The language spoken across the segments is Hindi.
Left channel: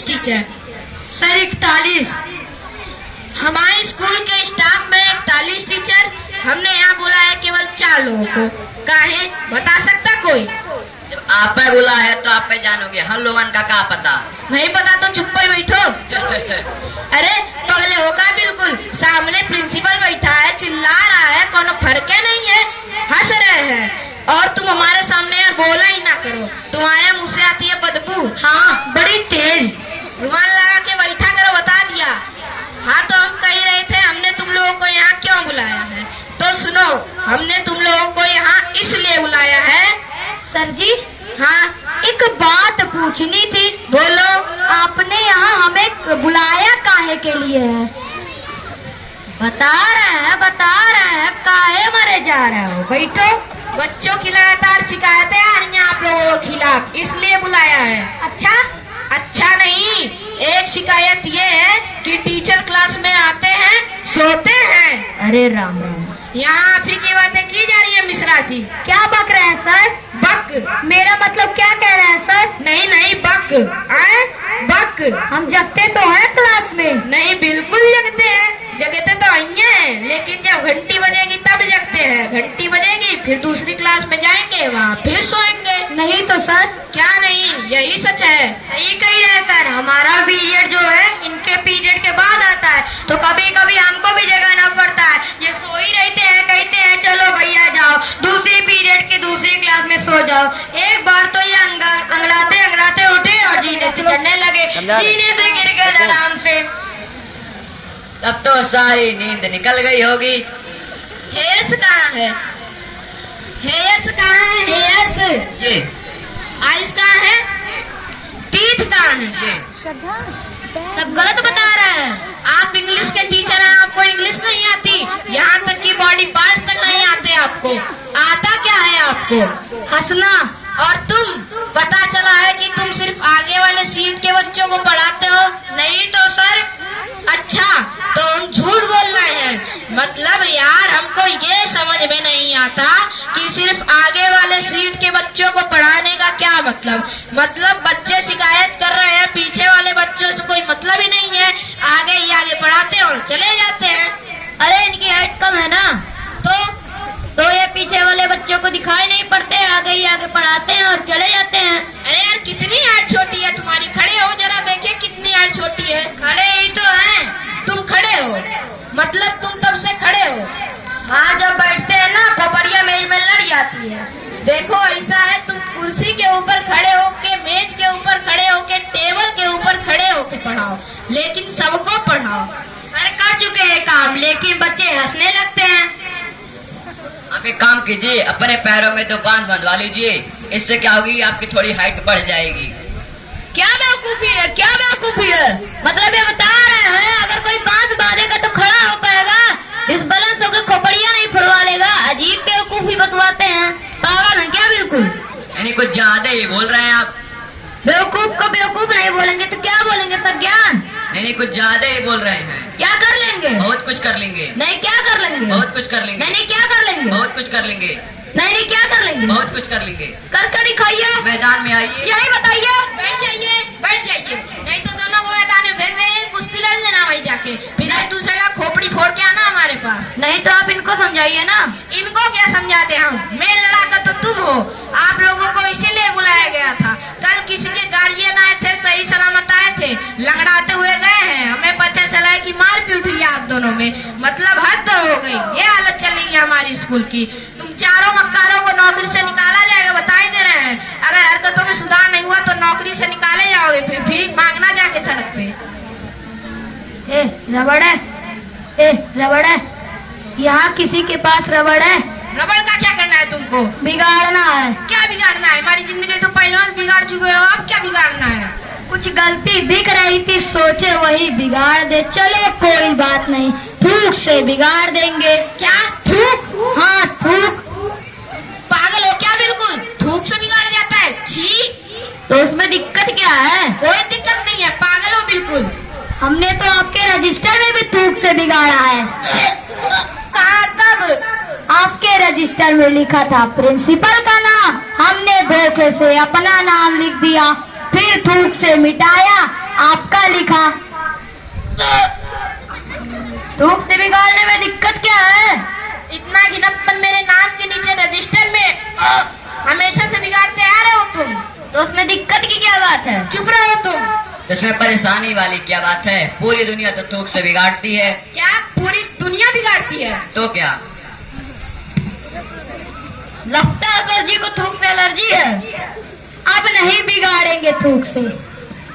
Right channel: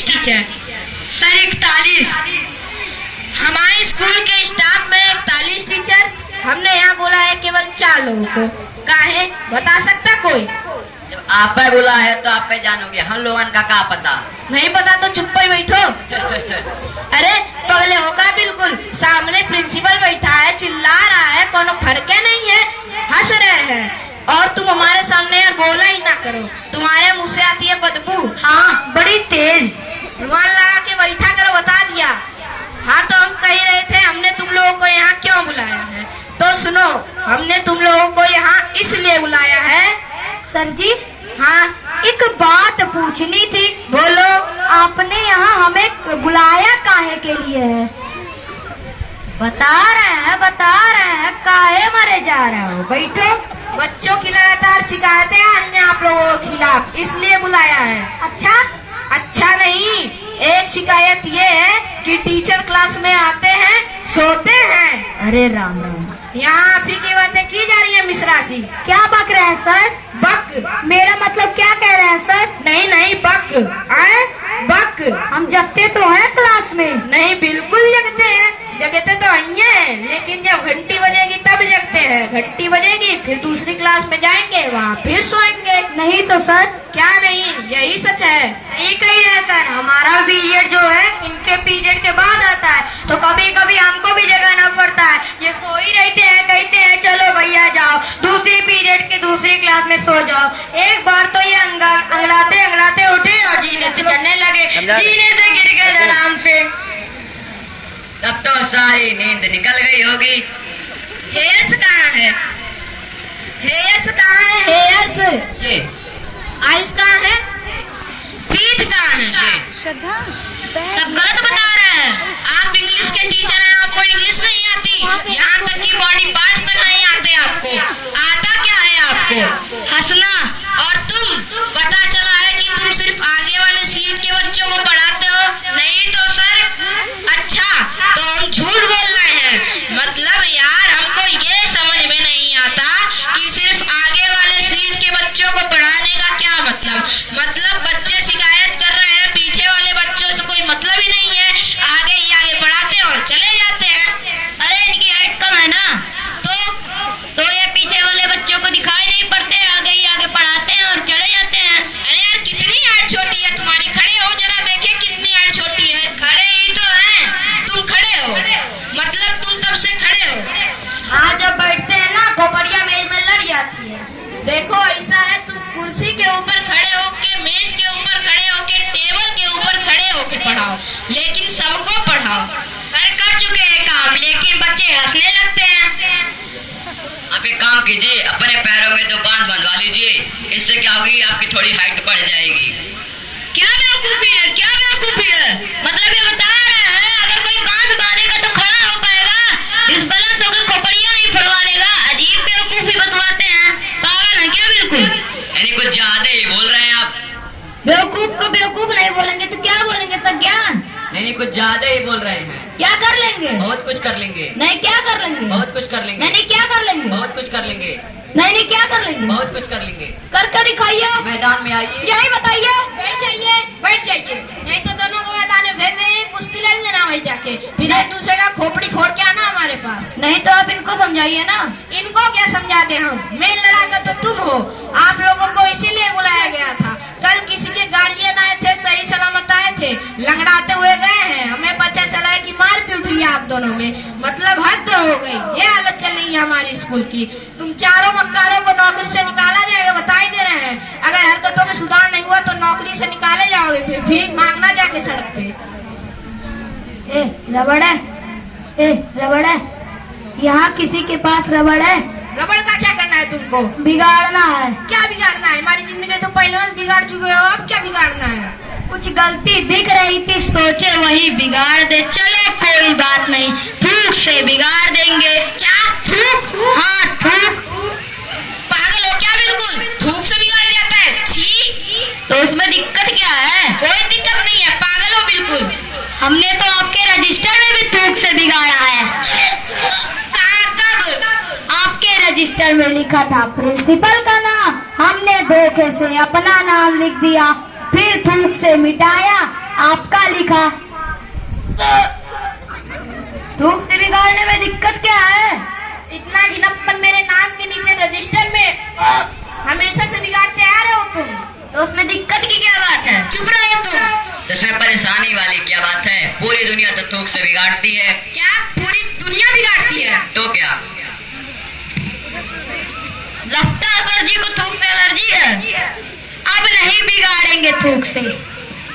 41 टीचर। सर 41। हमारे स्कूल के स्टाफ में 41 टीचर, हमने यहाँ बोला है केवल 4 लोगों को। काहे बता सकता कोई? जब आप पे बोला है तो आप पे जानोगे, हम लोगों का क्या पता। नहीं पता तो चुप ही बैठो। अरे पगले होगा बिल्कुल, सामने प्रिंसिपल बैठा है, चिल्ला रहा है, कोनो फर्क नहीं है, हंस रहे हैं और तुम हमारे सामने यार बोला ही ना करो। तुम्हारे मुंह से आती है बदबू। हाँ बड़ी तेज। रुमाल लगा के बैठा करो, बता दिया। हाँ तो हम कह रहे थे हमने तुम लोगों को यहाँ क्यों बुलाया है, तो सुनो। हमने तुम लोगों को यहाँ इसलिए बुलाया है। सर जी, हाँ एक बात पूछनी थी। बोलो। आपने यहाँ हमें बुलाया काहे के लिए है? बता रहे हैं काहे मारे जा रहे हो? बैठो। बच्चों की लगातार शिकायतें आ रही हैं आप लोगों के खिलाफ, इसलिए बुलाया है। अच्छा नहीं, एक शिकायत ये है कि टीचर क्लास में आते हैं, सोते हैं। अरे राम राम, यहाँ आप ही की बातें की जा रही है मिश्रा जी। क्या बक रहे हैं सर? बक? मेरा मतलब क्या कह रहे हैं सर? नहीं बक। आए बक? हम जगते तो हैं क्लास में। नहीं बिल्कुल जगते हैं, जगते तो आई हैं, लेकिन जब घंटी बजेगी तब जगते हैं। घंटी बजेगी फिर दूसरी क्लास में जाएंगे, वहाँ फिर सोएंगे। नहीं तो सर। क्या नहीं, यही सच है। यही कही है सर, हमारा पीरियड जो है इनके पीरियड के बाद आता है, तो कभी कभी हमको भी जगाना पड़ता है। ये सो ही रहते हैं, कहते हैं चलो भैया जाओ दूसरी पीरियड की दूसरी क्लास में सो जाओ। एक बार तो ये अंगड़ाते उठे और जीने से चढ़ने लगे, जीने से गिर गए आराम से। तब तो सारी नींद निकल गई होगी। हेयर्स कहाँ है? हेयर्स कहाँ है? हेयर्स। ये आइस कहाँ है? फीट कहाँ है? ये सब गलत बता रहे हैं। आप इंग्लिश के टीचर हैं, आपको इंग्लिश नहीं आती? यहाँ तक कि बॉडी पार्ट्स तक नहीं आते आपको। आता क्या है आपको? हंसना। और तुम, पता चला है कि तुम सिर्फ आगे वाले सीट के बच्चों को पढ़ाते हो। नहीं तो सर। अच्छा तो हम झूठ बोल रहे हैं। मतलब यार हमको ये समझ में नहीं आता कि सिर्फ आगे वाले सीट के बच्चों को पढ़ाने का क्या मतलब बच्चे शिकायत कर रहे हैं, पीछे वाले बच्चों से कोई मतलब ही नहीं है, आगे ही आगे पढ़ाते हो चले जाते हैं। अरे इनकी हाइट कम है ना, तो ये पीछे वाले बच्चों को दिखाई नहीं पड़ते, आगे ही आगे पढ़ाते हैं और चले जाते हैं। अरे यार कितनी हाइट छोटी है तुम्हारी, खड़े हो जरा देखे कितनी हाइट छोटी है। खड़े ही तो हैं, तुम खड़े हो, मतलब तुम तब से खड़े हो। हाँ जब बैठते हैं ना खोपड़िया मेल में लड़ जाती है। देखो ऐसा है, तुम कुर्सी के ऊपर खड़े होके, मेज के ऊपर खड़े होके, टेबल के ऊपर खड़े होके पढ़ाओ, लेकिन सबको पढ़ाओ। सर कर चुके हैं काम, लेकिन बच्चे हंसने लगते हैं। आप एक काम कीजिए, अपने पैरों में 2 बांध बंधवा लीजिए, इससे क्या होगी आपकी थोड़ी हाइट बढ़ जाएगी। क्या बेवकूफी है? मतलब ये बता रहे हैं अगर कोई बांस बांधेगा तो खड़ा हो पाएगा, इस बैलेंस होकर खोपड़िया नहीं फड़वा लेगा। अजीब बेवकूफी बतवाते हैं, पागल है क्या बिल्कुल? यानी कुछ ज्यादा ही बोल रहे हैं आप। बेवकूफ को बेवकूफ नहीं बोलेंगे तो क्या बोलेंगे सर? ज्ञान। नहीं कुछ ज्यादा ही बोल रहे हैं। क्या कर लेंगे? बहुत कुछ कर लेंगे। नहीं क्या कर लेंगे? बहुत कुछ कर लेंगे। नहीं क्या कर लेंगे? बहुत कुछ कर लेंगे। नहीं क्या कर लेंगे? बहुत कुछ कर लेंगे। कर दिखाइए, मैदान में आइए। यही बताइए। बैठ जाइए, नहीं तो दोनों को मैदान में भेज देंगे, कुश्ती लड़ने ना वही जाके, फिर एक दूसरे का खोपड़ी फोड़ के आना हमारे पास। नहीं तो आप इनको समझाइए ना। इनको क्या समझाते हम, मेल लड़ाकर तो तुम हो। आप लोगों को इसीलिए बुलाया गया था। कल किसी के गार्जियन आए थे, सही सलामत आए थे, लंगड़ाते हुए गए हैं, हमें पता चला है कि मारपीट हुई है आप दोनों में। मतलब हद हो गई, ये हालत चल रही है हमारी स्कूल की। तुम चारों मक्कारों को नौकरी से निकाला जाएगा, बता ही दे रहे हैं। अगर हरकतों में सुधार नहीं हुआ तो नौकरी से निकाले जाओगे, फिर भीख मांगना जाके सड़क पे। रबड़ है, यहाँ किसी के पास रबड़ है? रबड़ का क्या करना है तुमको? बिगाड़ना है। क्या बिगाड़ना है? हमारी जिंदगी तो पहले बिगाड़ चुके हो, अब क्या बिगाड़ना है? कुछ गलती दिख रही थी, सोचे वही बिगाड़ दे। चलो कोई बात नहीं, थूक से बिगाड़ देंगे। क्या थूक? हाँ थूक। पागल हो क्या? बिल्कुल थूक से बिगाड़ जाता है? छी, तो इसमें दिक्कत क्या है? कोई दिक्कत नहीं है, पागल हो बिल्कुल। हमने तो आपके रजिस्टर में भी थूक से बिगाड़ा है। कहाँ, कब? आपके रजिस्टर में लिखा था प्रिंसिपल का नाम, हमने धोखे से अपना नाम लिख दिया, फिर थूक से मिटाया। आप थूक से बिगाड़ने में दिक्कत क्या है? इतना गिनपन मेरे नाम के नीचे रजिस्टर में हमेशा से बिगाड़ते आ रहे हो तुम। तो उसमें दिक्कत की क्या बात है? चुप रहो तुम। तो इसमें परेशानी वाली क्या बात है? पूरी दुनिया तो थूक से बिगाड़ती है। क्या पूरी दुनिया बिगाड़ती है? तो क्या? लगता है सर जी को थूक से एलर्जी है। अब नहीं बिगाड़ेंगे थूक से,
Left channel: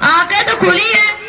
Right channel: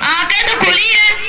आंखें तो खुली है,